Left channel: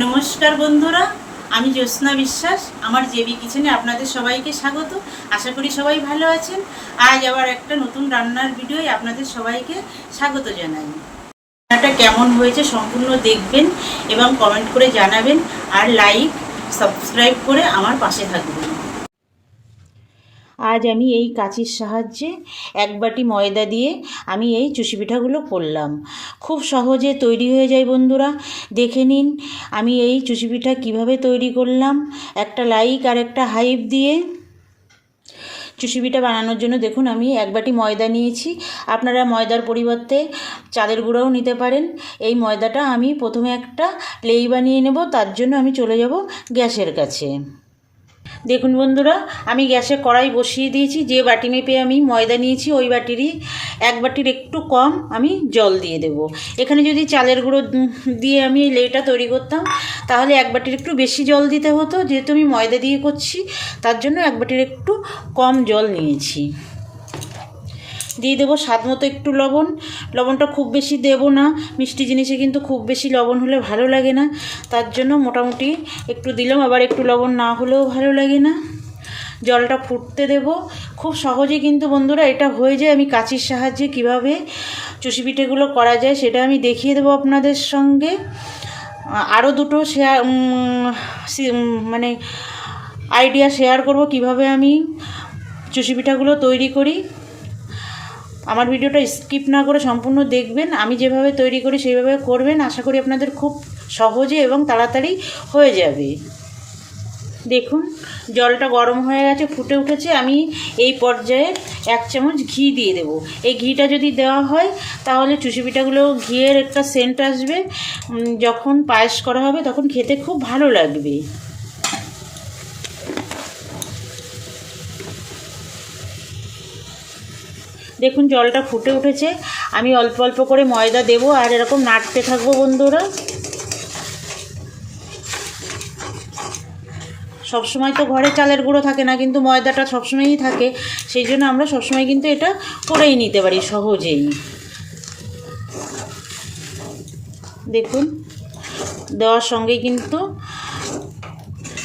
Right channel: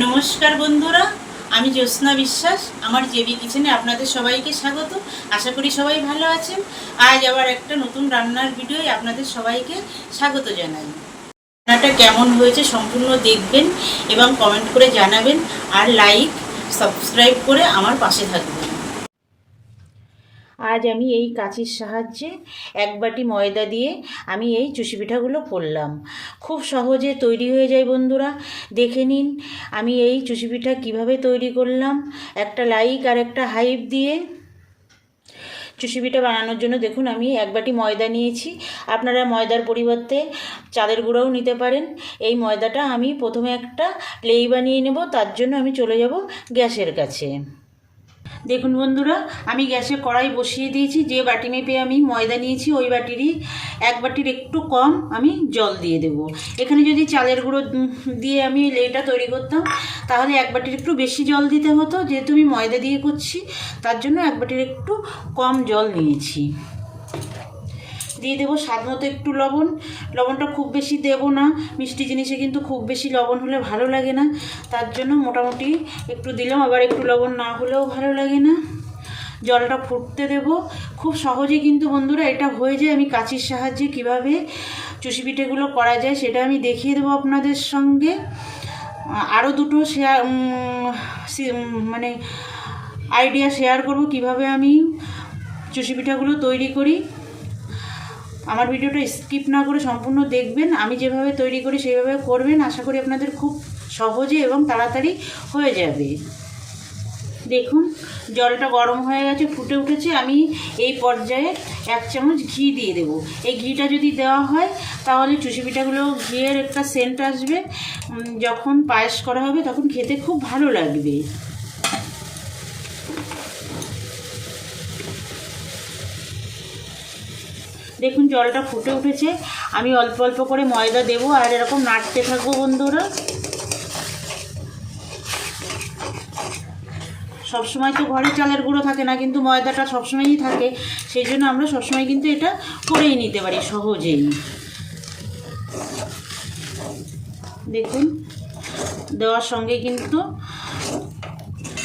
নমস্কার বন্ধুরা, আমি জ্যোৎস্না বিশ্বাস, আমার জেবি কিচেনে আপনাদের সবাইকে স্বাগত। আশা করি সবাই ভালো আছেন। আজ আবার একটা নতুন রান্নার ভিডিওয় আপনাদের সবাইকে স্বাগত জানাই। রান্নাটা কেমন হয়েছে সম্পূর্ণ দেখবেন এবং কমেন্ট করে জানাবেন। আর লাইক, সাবস্ক্রাইব করে আমার পাশে থাকবেন। আজ আমি এই কাঁচির সাহায্যে এক বাটি ময়দা দিয়ে আমি এই চুষি পিঠাগুলো করলাম। খুব সহজে তৈরি হয়ে যায় বন্ধুরা। দেখে নিন আমি এই চুষি পিঠা কীভাবে তৈরি করলাম। একটা লাইক আর একটা হাইপ দিয়ে চুষি পিঠা বানানোর জন্য দেখুন আমি এক বাটি ময়দা নিয়েছি। আপনারা ময়দার পরিবর্তে চালের গুঁড়োও নিতে পারেন। এই ময়দাটা আমি প্রথমে একটা লেই বানিয়ে নেব, তার জন্য আমি চলে যাব গ্যাসের কাছে। দেখুন বন্ধুরা, আমি গ্যাসে কড়াই বসিয়ে দিয়েছি, যে বাটি মেপে আমি ময়দা নিয়েছি, ওই বাটিরই এক বাটির একটু কম আমি জল দিয়ে দেব। এখানে যদি চালের গুঁড়ো দিয়ে আমি এই লেটা তৈরি করতাম, তাহলে এক বাটির একটু বেশি জল দিতে হতো, যেহেতু আমি ময়দা দিয়ে করছি, তার জন্য এক বাটির একটু কম জল নিয়েছি। দিয়ে দেবো স্বাদ মতো একটু লবণ। লবণটা খুব বেশি দেবো না। মিষ্টি জিনিসে কিন্তু খুব বেশি লবণ হলে ভালো লাগে না। তার জন্য মোটামুটি একটু দিলাম। আবার একটু লবণ না হলেও ভালো লাগে না। জলটা ফুটতে দেব। খুব সহজে কিন্তু বন্ধুরা এটা হয়ে যায়। আমি কাঁচির সাহায্যে কীভাবে চুষি পিঠেগুলো করা যায় সেটা আমি দেখিয়ে দেবো আপনাদের সঙ্গে। আরও দুটো শেয়ার মানে আইডিয়া শেয়ার করব কীভাবে আমি চুষি পিঠাগুলো তৈরি করি। আমার ভিডিওটা স্কিপ না করে সম্পূর্ণ দেখবেন। আমি যেভাবে তৈরি করি, সেইভাবে করবেন। আশা করি আপনাদের খুব সহজে এবং তাড়াতাড়ি হয়ে যাবে। দেখুন, জলটা গরম হয়ে গেছে, ফুটে উঠেছে। আমি এই পর্যায়ে এক চামচ ঘি দিয়ে দেবো। এই ঘিটা যদি দেওয়া হয়, তাহলে চুষি পিঠাগুলো ঘিয়ের একটা সেন্ট আসবে। যখন পায়েস করা হবে, তখন খেতে খুব ভালো লাগবে। দেখুন জলটা ফুটে উঠেছে। আমি অল্প অল্প করে ময়দা দেবো আর এরকম নাড়তে থাকব বন্ধুরা। সবসময় তো ঘরে চালের গুঁড়ো থাকে না, কিন্তু ময়দাটা সবসময়ই থাকে। সেই জন্য আমরা সবসময় কিন্তু এটা করেই নিতে পারি সহজেই। দেখুন, দেওয়ার সঙ্গে কিন্তু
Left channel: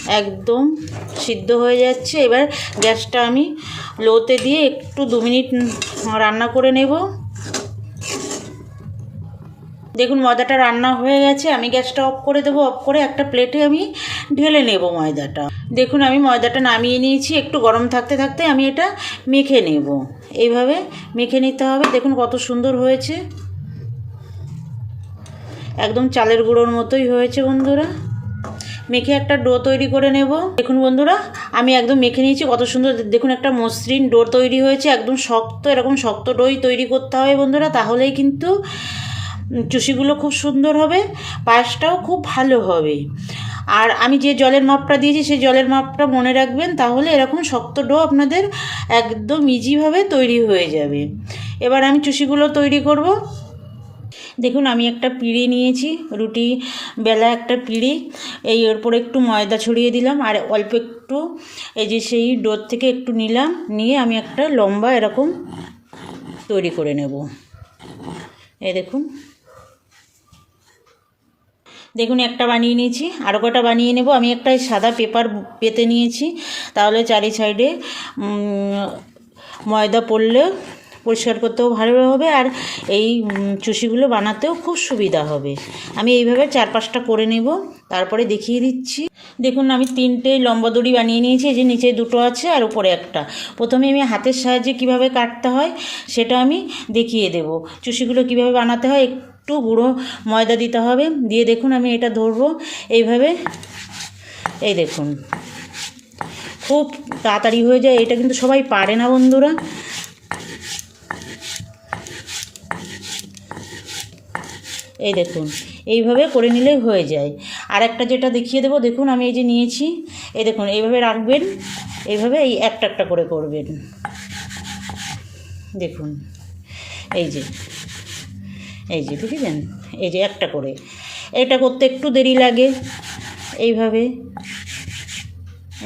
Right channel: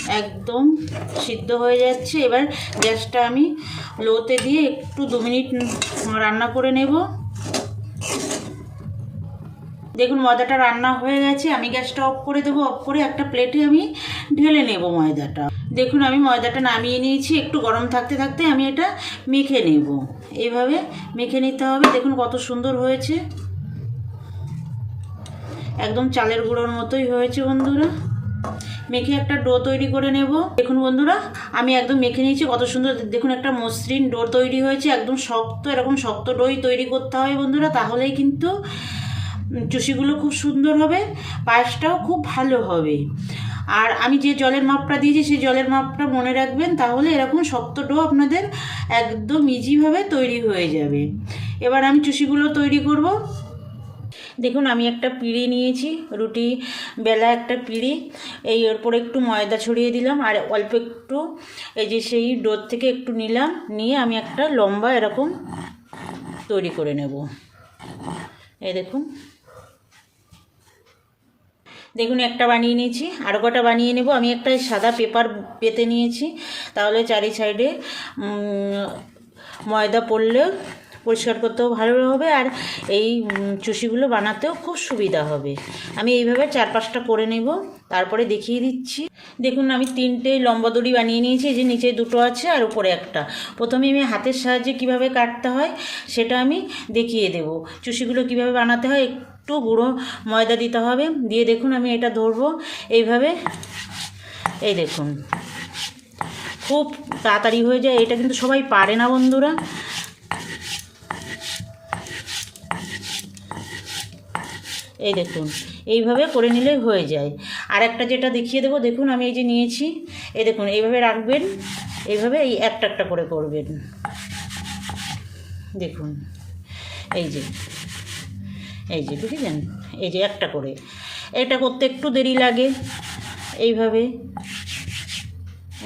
একদম সিদ্ধ হয়ে যাচ্ছে। এবার গ্যাসটা আমি লোতে দিয়ে একটু দু মিনিট রান্না করে নেব। দেখুন, ময়দাটা রান্না হয়ে গেছে। আমি গ্যাসটা অফ করে দেবো। অফ করে একটা প্লেটে আমি ঢেলে নেব ময়দাটা। দেখুন, আমি ময়দাটা নামিয়ে নিয়েছি। একটু গরম থাকতে থাকতে আমি এটা মেখে নেব। এইভাবে মেখে নিতে হবে। দেখুন, কত সুন্দর হয়েছে। একদম চালের গুঁড়োর মতোই হয়েছে বন্ধুরা। মেখে একটা ডো তৈরি করে নেব। দেখুন বন্ধুরা, আমি একদম মেখে নিয়েছি, কত সুন্দর। দেখুন একটা মসৃণ ডো তৈরি হয়েছে, একদম শক্ত, এরকম শক্ত ডোই তৈরি করতে হবে বন্ধুরা, তাহলেই কিন্তু চুষিগুলো খুব সুন্দর হবে, পায়েসটাও খুব ভালো হবে। আর আমি যে জলের মাপটা দিয়েছি, সেই জলের মাপটা মনে রাখবেন, তাহলে এরকম শক্ত ডো আপনাদের একদম ইজিভাবে তৈরি হয়ে যাবে। এবার আমি চুষিগুলো তৈরি করব। দেখুন, আমি একটা পিঁড়ি নিয়েছি, রুটি বেলা একটা পিঁড়ি। এই ওর উপরে একটু ময়দা ছড়িয়ে দিলাম আর অল্প একটু এই যে সেই ডোর থেকে একটু নিলাম, নিয়ে আমি একটা লম্বা এরকম তৈরি করে নেব। এই দেখুন। দেখুন, একটা বানিয়ে নিয়েছি আরও কটা বানিয়ে নেব। আমি একটা সাদা পেপার পেতে নিয়েছি, তাহলে চারি সাইডে ময়দা পড়লে পরিষ্কার করতেও ভালো হবে আর এই চুষিগুলো বানাতেও খুব সুবিধা হবে। আমি এইভাবে চার পাঁচটা করে নেব, তারপরে দেখিয়ে দিচ্ছি। দেখুন, আমি তিনটে লম্বা দড়ি বানিয়ে নিয়েছি যে নিচে দুটো আছে আর উপরে একটা। প্রথমে আমি হাতের সাহায্যে কীভাবে কাটতে হয় সেটা আমি দেখিয়ে দেব। চুষিগুলো কীভাবে বানাতে হয় একটু গুঁড়ো ময়দা দিতে হবে। দিয়ে দেখুন, আমি এটা ধরবো এইভাবে। এই দেখুন, খুব তাড়াতাড়ি হয়ে যায়। এটা কিন্তু সবাই পারে না বন্ধুরা। এই দেখুন, এইভাবে করে নিলেই হয়ে যায়। আর একটা যেটা দেখিয়ে দেবো, দেখুন আমি এই যে নিয়েছি, এই দেখুন, এইভাবে রাখবেন, এইভাবে এই একটা একটা করে করবেন। দেখুন, এই যে এই যে বুঝলেন? এই যে একটা করে। এটা করতে একটু দেরি লাগে, এইভাবে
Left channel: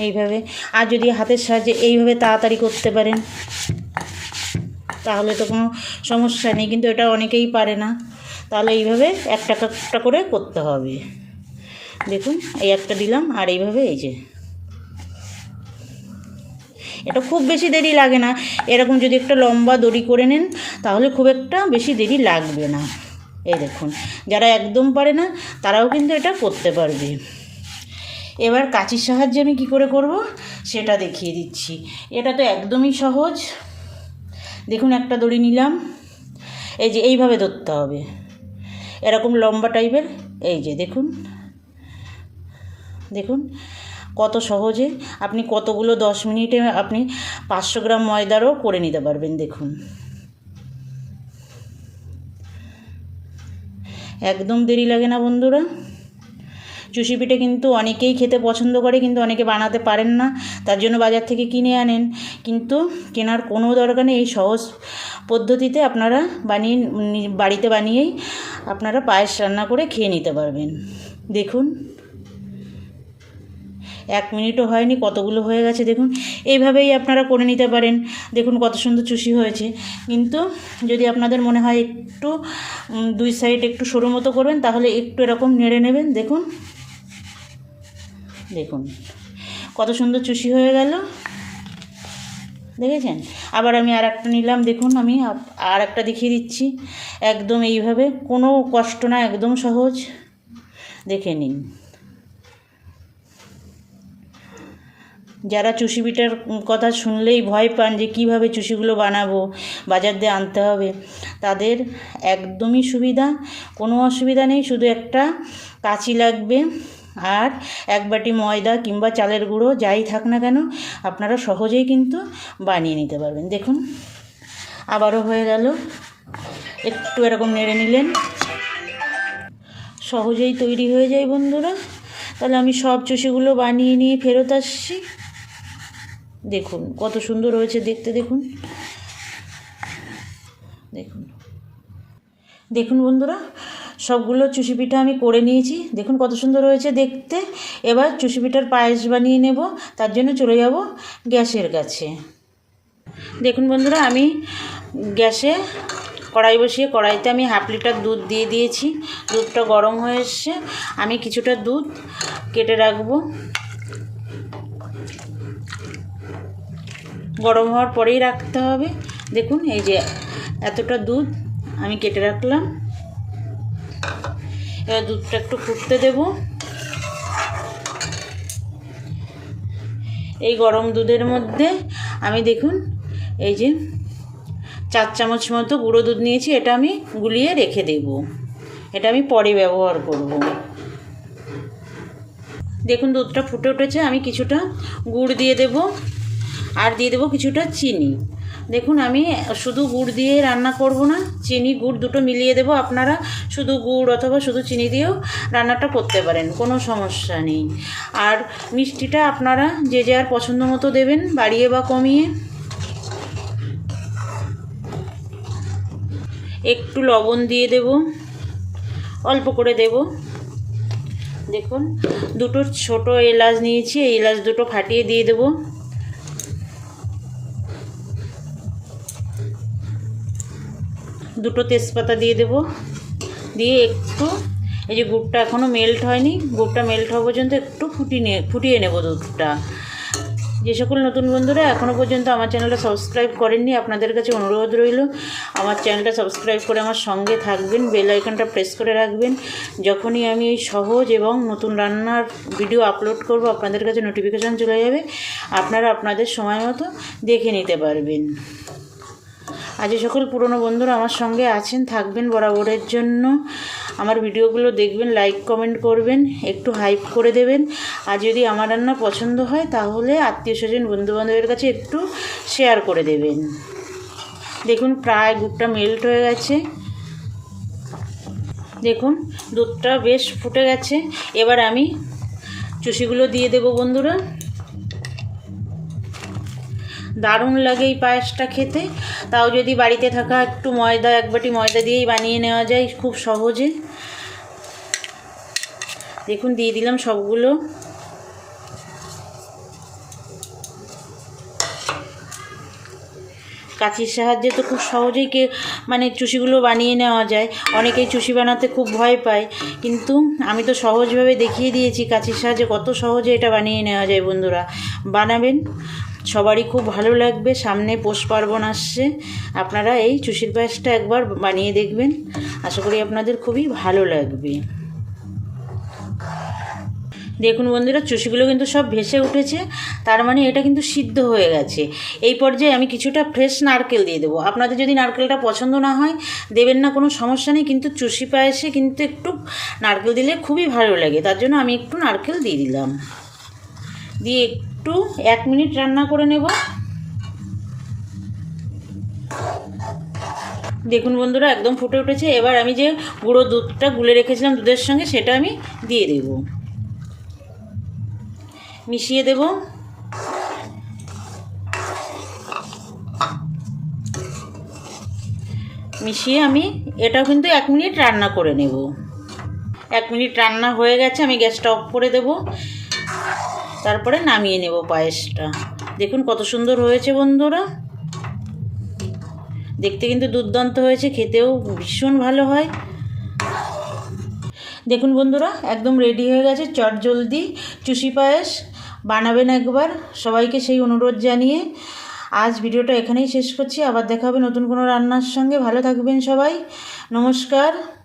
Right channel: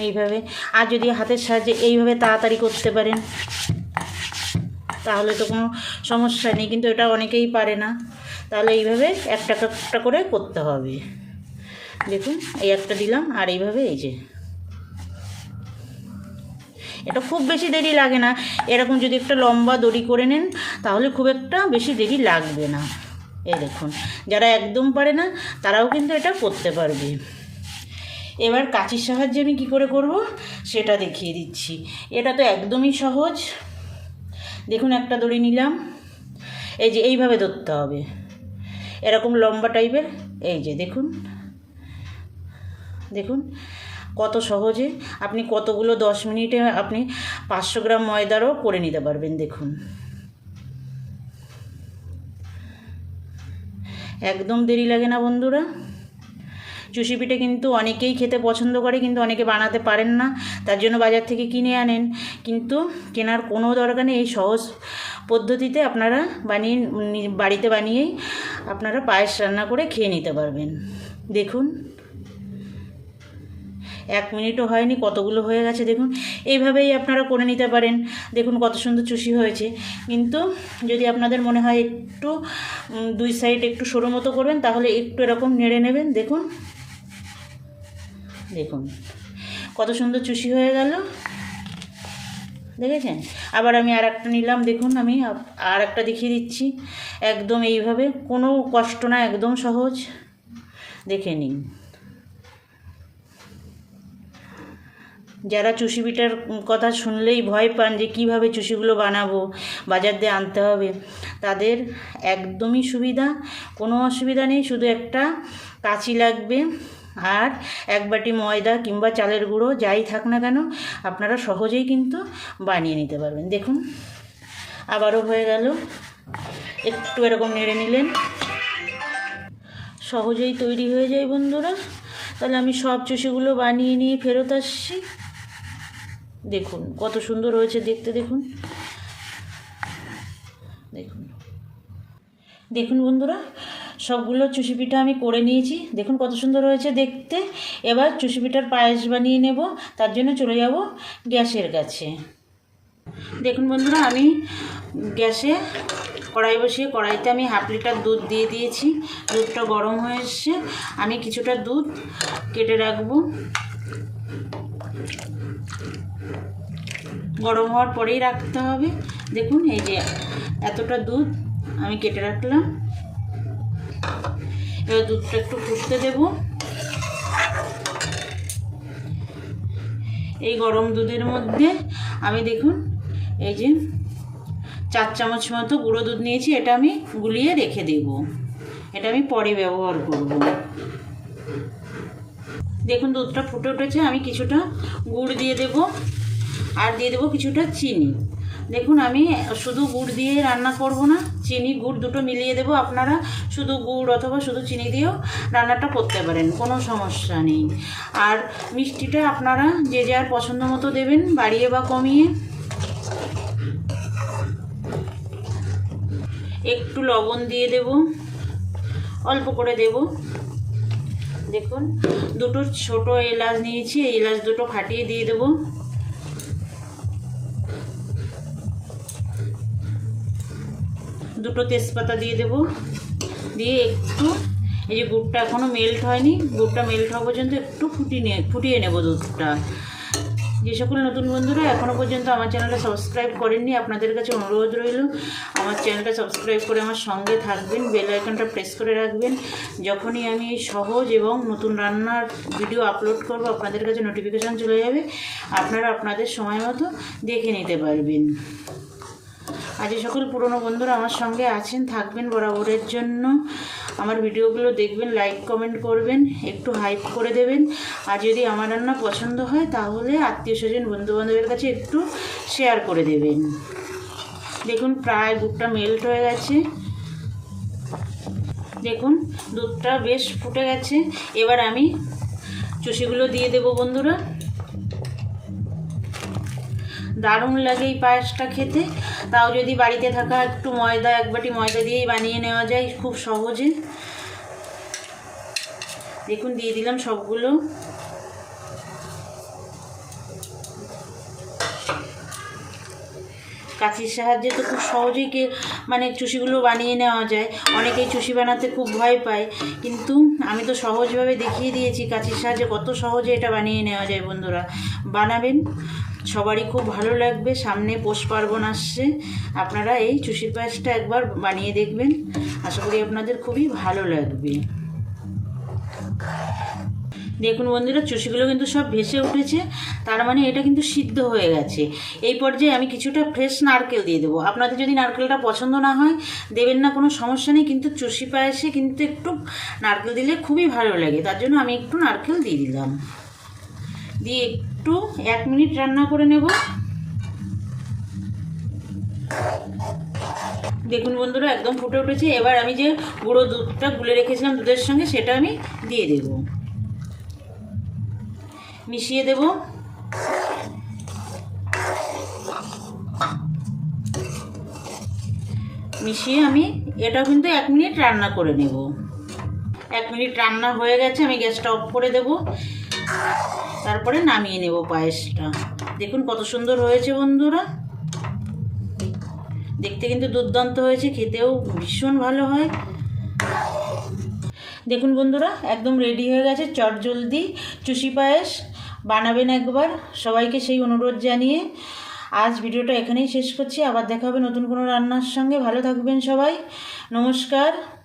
এইভাবে। আর যদি হাতের সাহায্যে এইভাবে তাড়াতাড়ি করতে পারেন, তাহলে তো কোনো সমস্যা নেই, কিন্তু এটা অনেকেই পারে না। তাহলে এইভাবে একটা একটা করে করতে হবে। দেখুন, এই একটা দিলাম, আর এইভাবে এই যে। এটা খুব বেশি দেরি লাগে না। এরকম যদি একটা লম্বা দড়ি করে নেন, তাহলে খুব একটা বেশি দেরি লাগবে না। এই দেখুন, যারা একদম পারে না, তারাও কিন্তু এটা করতে পারবে। এবার কাঁচির সাহায্যে আমি কী করে করব? সেটা দেখিয়ে দিচ্ছি। এটা তো একদমই সহজ। দেখুন, একটা দড়ি নিলাম। এই যে, এইভাবে ধরতে হবে। এরকম লম্বা টাইপের, এই যে দেখুন দেখুন, কত সহজে আপনি কতগুলো দশ মিনিটে আপনি পাঁচশো গ্রাম ময়দারও করে নিতে পারবেন, দেখুন। একদম দেরি লাগে না বন্ধুরা। চুষি পিঠে কিন্তু অনেকেই খেতে পছন্দ করে, কিন্তু অনেকে বানাতে পারেন না। তার জন্য বাজার থেকে কিনে আনেন। কিন্তু কেনার কোনো দরকার নেই। এই সহজ পদ্ধতিতে আপনারা বানিয়ে, বাড়িতে বানিয়েই আপনারা পায়েস রান্না করে খেয়ে নিতে পারবেন। দেখুন। এক মিনিটও হয়নি, কতগুলো হয়ে গেছে দেখুন। এইভাবেই আপনারা করে নিতে পারেন। দেখুন কত সুন্দর চুষি হয়েছে। কিন্তু যদি আপনাদের মনে হয় একটু দুই সাইড একটু সরু মতো করবেন, তাহলে একটু এরকম নেড়ে নেবেন। দেখুন। দেখুন। কত সুন্দর চুষি হয়ে গেল। দেখেছেন? আবার আমি আর একটা নিলাম, দেখুন আমি আর একটা দেখিয়ে দিচ্ছি। একদম এইভাবে, কোনো কষ্ট না, একদম সহজ। দেখে নিন। যারা চুষি পিঠার কথা শুনলেই ভয় পান যে কীভাবে চুষিগুলো বানাবো, বাজার দিয়ে আনতে হবে, তাদের একদমই সুবিধা, কোনো অসুবিধা নেই, শুধু একটা কাঁচি লাগবে। আর এক বাটি ময়দা কিংবা চালের গুঁড়ো যাই থাক না কেন, আপনারা সহজেই কিন্তু বানিয়ে নিতে পারবেন। দেখুন, আবারও হয়ে গেল। একটু এরকম নেড়ে নিলেন। সহজেই তৈরি হয়ে যায় বন্ধুরা। তাহলে আমি সব চুষিগুলো বানিয়ে নিয়ে ফেরত আসছি। দেখুন, কত সুন্দর হয়েছে দেখতে, দেখুন। দেখুন। দেখুন বন্ধুরা সবগুলো চুষি পিঠা আমি করে নিয়েছি। দেখুন কত সুন্দর হয়েছে দেখতে। এবার চুষি পিঠার পায়েস বানিয়ে নেব। তার জন্য চলে যাব গ্যাসের কাছে। দেখুন বন্ধুরা, আমি গ্যাসে কড়াই বসিয়ে, কড়াইতে আমি হাফ লিটার দুধ দিয়ে দিয়েছি। দুধটা গরম হয়ে এসছে। আমি কিছুটা দুধ কেটে রাখব। গরম হওয়ার পরেই রাখতে হবে। দেখুন, এই যে এতটা দুধ আমি কেটে রাখলাম। এবার দুধটা একটু ফুটতে দেব। এই গরম দুধের মধ্যে আমি দেখুন, এই যে চার চামচ মতো গুঁড়ো দুধ নিয়েছি, এটা আমি গুলিয়ে রেখে দেব। এটা আমি পরে ব্যবহার করব। দেখুন দুধটা ফুটে উঠেছে, আমি কিছুটা গুড় দিয়ে দেব, আর দিয়ে দেবো কিছুটা চিনি। দেখুন, আমি শুধু গুড় দিয়ে রান্না করব না, চিনি, গুড় দুটো মিলিয়ে দেবো। আপনারা শুধু গুড় অথবা শুধু চিনি দিয়েও রান্নাটা করতে পারেন, কোনো সমস্যা নেই। আর মিষ্টিটা আপনারা যে যার পছন্দ মতো দেবেন, বাড়িয়ে বা কমিয়ে। একটু লবণ দিয়ে দেব, অল্প করে দেব। দেখুন, দুটো ছোট এলাচ নিয়েছি, এই এলাচ দুটো ফাটিয়ে দিয়ে দেবো। দুটো তেজপাতা দিয়ে দেব। দিয়ে একটু এই যে গুড়টা এখনও মেল্ট হয়নি, গুড়টা মেল্ট হওয়া পর্যন্ত একটু ফুটিয়ে ফুটিয়ে নেব দুধটা। যে সকল নতুন বন্ধুরা এখনও পর্যন্ত আমার চ্যানেলটা সাবস্ক্রাইব করেননি, আপনাদের কাছে অনুরোধ রইল, আমার চ্যানেলটা সাবস্ক্রাইব করে আমার সঙ্গে থাকবেন বেল আইকনটা প্রেস করে রাখবেন। যখনই আমি এই সহজ এবং নতুন রান্নার ভিডিও আপলোড করব, আপনাদের কাছে নোটিফিকেশান চলে যাবে, আপনারা আপনাদের সময় মতো দেখে নিতে পারবেন। আজ সকল পুরনো বন্ধুরা আমার সঙ্গে আছেন, থাকবেন বরাবরের জন্য। আমার ভিডিওগুলো দেখবেন লাইক কমেন্ট করবেন, একটু হাইপ করে দেবেন। আর যদি আমার রান্না পছন্দ হয়, তাহলে আত্মীয় স্বজন, বন্ধুবান্ধবের কাছে একটু শেয়ার করে দেবেন। দেখুন, প্রায় দুধটা মেল্ট হয়ে গেছে। দেখুন, দুধটা বেশ ফুটে গেছে। এবার আমি চুষিগুলো দিয়ে দেবো বন্ধুরা। দারুণ লাগে এই পায়েসটা খেতে। তাও যদি বাড়িতে থাকা একটু ময়দা, এক বাটি ময়দা দিয়েই বানিয়ে নেওয়া যায় খুব সহজে। দেখুন, দিয়ে দিলাম সবগুলো। কাঁচির সাহায্যে তো খুব সহজেই কে মানে চুষিগুলো বানিয়ে নেওয়া যায়। অনেকেই চুষি বানাতে খুব ভয় পায়। কিন্তু আমি তো সহজভাবে দেখিয়ে দিয়েছি কাঁচির সাহায্যে কত সহজে এটা বানিয়ে নেওয়া যায় বন্ধুরা। বানাবেন। সবারই খুব ভালো লাগবে। সামনে পৌষ পার্বণ আসছে। আপনারা এই চুষির পায়েসটা একবার বানিয়ে দেখবেন। আশা করি আপনাদের খুবই ভালো লাগবে। দেখুন বন্ধুরা, চুষিগুলো কিন্তু সব ভেসে উঠেছে। তার মানে এটা কিন্তু সিদ্ধ হয়ে গেছে। এই পর্যায়ে আমি কিছুটা ফ্রেশ নারকেল দিয়ে দেবো। আপনাদের যদি নারকেলটা পছন্দ না হয়, দেবেন না, কোনো সমস্যা নেই। কিন্তু চুষি পায়েসে কিন্তু একটু নারকেল দিলে খুবই ভালো লাগে। তার জন্য আমি একটু নারকেল দিয়ে দিলাম। দিয়ে একটু এক মিনিট রান্না করে নেব। দেখুন বন্ধুরা, একদম ফুটে উঠেছে। এবার আমি যে গুঁড়ো দুধটা গুলে রেখেছিলাম দুধের সঙ্গে, সেটা আমি দিয়ে দেবো। মিশিয়ে দেব। মিশিয়ে আমি এটাও কিন্তু এক মিনিট রান্না করে নেব। এক মিনিট রান্না হয়ে গেছে, আমি গ্যাসটা অফ করে দেব। তারপরে নামিয়ে নেব পায়েসটা। দেখুন কত সুন্দর হয়েছে বন্ধুরা। দেখতে কিন্তু দুর্দান্ত হয়েছে, খেতেও ভীষণ ভালো হয়। দেখুন বন্ধুরা, একদম রেডি হয়ে গেছে, চট জলদি। চুষি পায়েস বানাবেন একবার, সবাইকে সেই অনুরোধ জানিয়ে। আজ ভিডিওটা এখানেই শেষ করছি, আবার দেখা হবে নতুন কোনো রান্নার সঙ্গে। ভালো থাকবেন সবাই। নমস্কার।